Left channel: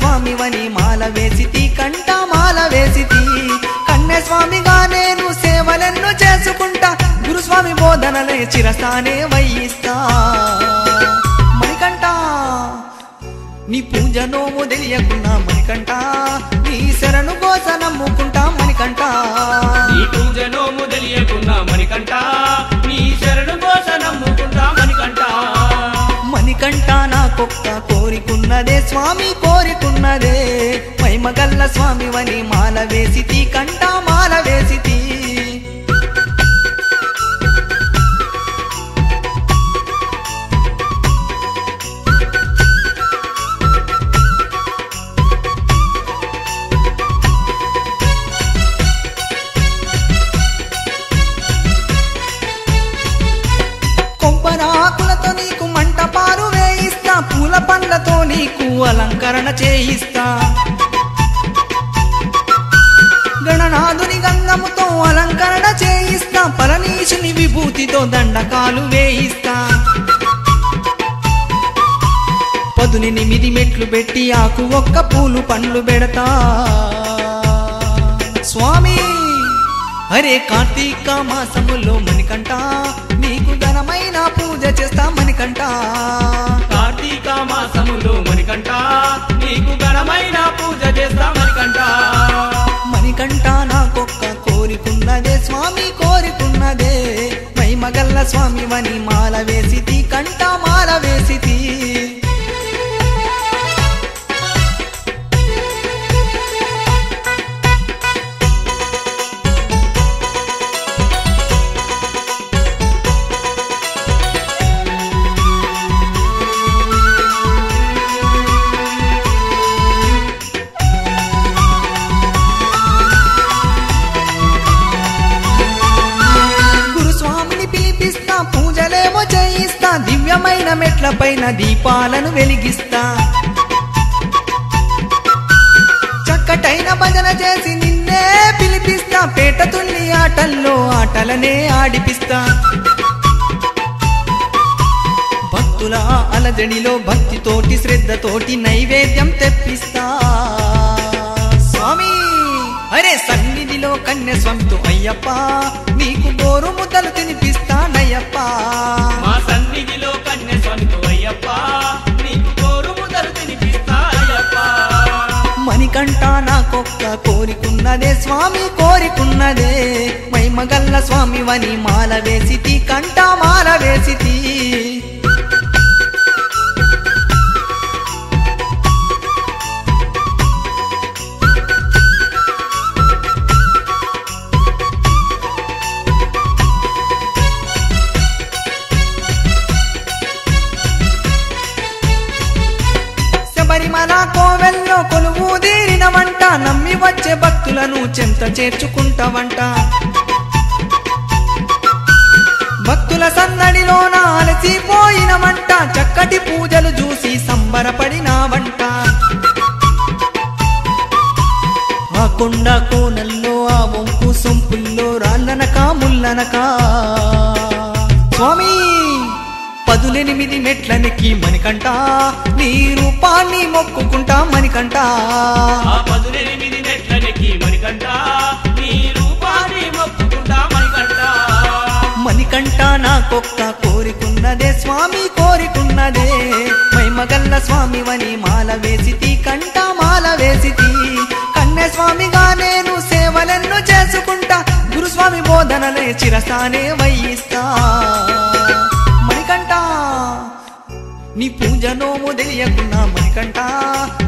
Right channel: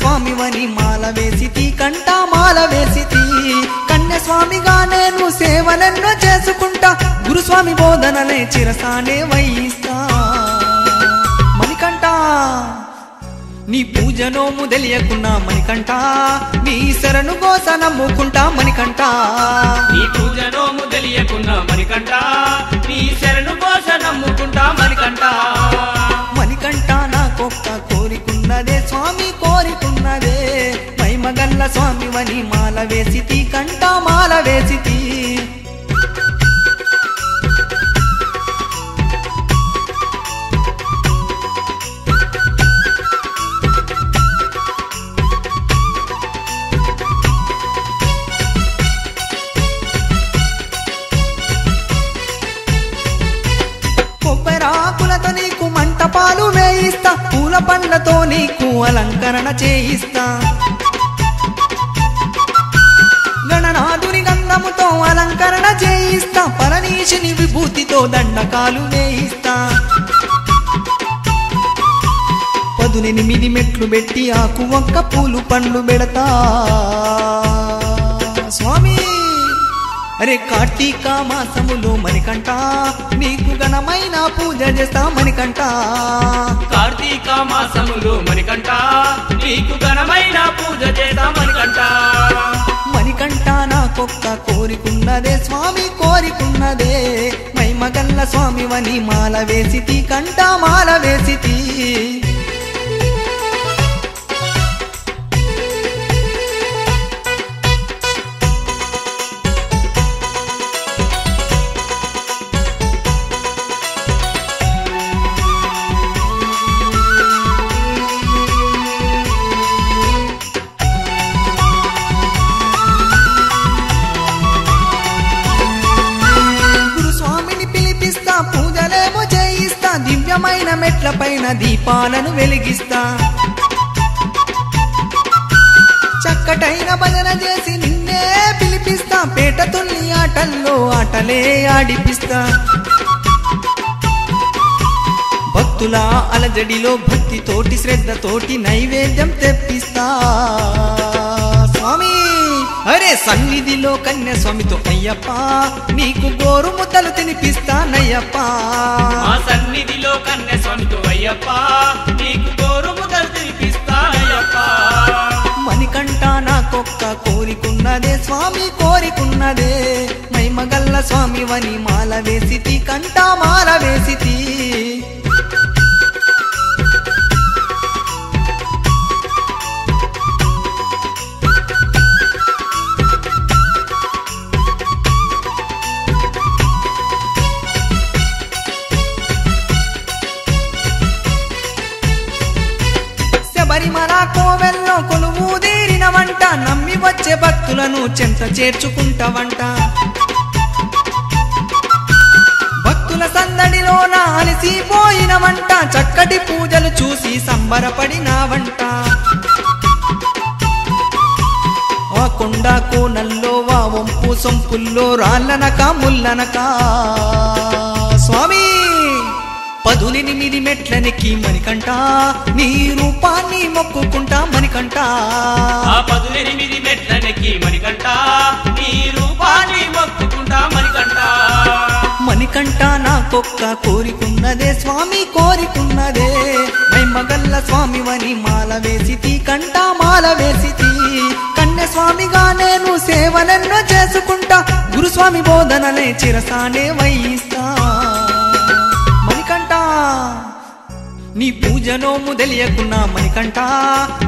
స్వామివని మాల వేసితి కంట మాల వేసితి కన్నె స్వామిగా నేను సేవలెన్నో చేసుకుంటా గురుస్వామి బోధనలే చిరసానే వహిస్తా మణికంఠ నీ పూజ నోము తెలియకున్నా మణికంఠ నీ శరణు కోస నమ్ముకుంటా మణికంఠ నీ పూజ నోము తెలియకున్నా మణికంఠ నీ శరణు కోస నమ్ముకుంటా మణికంఠ మణికంఠ నాకొక్క కోరికున్నదే స్వామి కోరికున్నదే మహిమగల్ల స్వామివని మాల వేసితి కంట మాల వేసితి పండ్లతో నీకు అలంకరణ చేయిస్తా గణనాథుని గంధముతో అలంకరణ చేయిస్తా పరమేశుని విభూతితో దండకాలు వేయిస్తా 18 మెట్లు పెట్టి ఆకు ఒక్క పూలు పండ్లు పెడతా స్వామి అరే కార్తీక మాసములో మణికంఠ నీకు ఘనమైన పూజ చేస్తా మణికంఠ కార్తీక మాసములో మణికంఠ నీకు ఘనమైన పూజ చేస్తా మణికంఠ మణికంఠ నాకొక్క కోరికున్నదే స్వామి కోరికున్నదే మహిమగల్ల స్వామివని మాల వేసితి కంట మాల వేసితి దివ్యమైన మెట్లపైన దీపాలను వెలిగిస్తా చక్కటైన భజన చేసి నిన్నే పిలిపిస్తా పేట తుల్లి ఆటల్లో ఆటలే ఆడిపిస్తా భక్తుల అలజడిలో భక్తితోటి శ్రద్ధతోటి నైవేద్యం తెప్పిస్తా స్వామి అరే సన్నిధిలో కన్య స్వామితో అయ్యప్ప నీకు గోరు ముద్దలు తినిపిస్తానయ్యప్ప సన్నిధిలో కన్య స్వామితో అయ్యప్ప నీకు గోరు ముద్దలు తినిపిస్తా అయ్యప్ప మణికంఠ నాకొక్క కోరికున్నదే స్వామి కోరికున్నదే మహిమగల్ల స్వామివని మాల వేసితి కంట మాల వేసితి మన కోవెల్లో కొలువు తీరినవంట నమ్మి వచ్చే భక్తులను చెంత చేర్చుకుంటావంట భక్తుల సందడిలోన అలసిపోయినవంట చక్కటి పూజలు చూసి సంబరపడినావంట ఆ కొండ కోనల్లో ఆ వంపు సొంపుల్లో రాళ్ళనక ముల్లనక స్వామి 18 మెట్లనికి మణికంఠ నీ రూపాన్ని మొక్కుకుంటా మణికంఠ ఆ 18 మెట్లనికి మణికంఠ నీ రూపాన్ని మొక్కుకుంటా మణికంఠ మణికంఠ నాకొక్క కోరికున్నదే స్వామి కోరికున్నదే మహిమగల్ల స్వామివని మాల వేసితి కంట మాల వేసితి కన్య స్వామిగా నేను సేవలెన్నో చేసుకుంటా గురుస్వామి బోధనలే చిరసానే వహిస్తా నీ పూజ నోము తెలియకున్నా మణికంఠ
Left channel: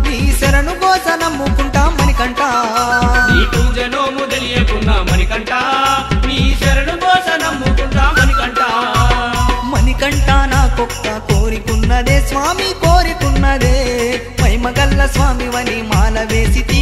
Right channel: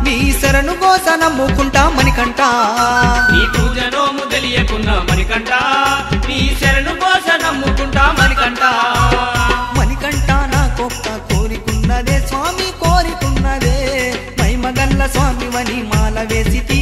నీ శరణు కోస నమ్ముకుంటా మణికంఠ నీ పూజ నోము తెలియకున్నా మణికంఠ నీ శరణు కోస నమ్ముకుంటా మణికంఠ మణికంఠ నాకొక్క కోరికున్నదే స్వామి కోరికున్నదే మహిమగల్ల స్వామివని మాల వేసితి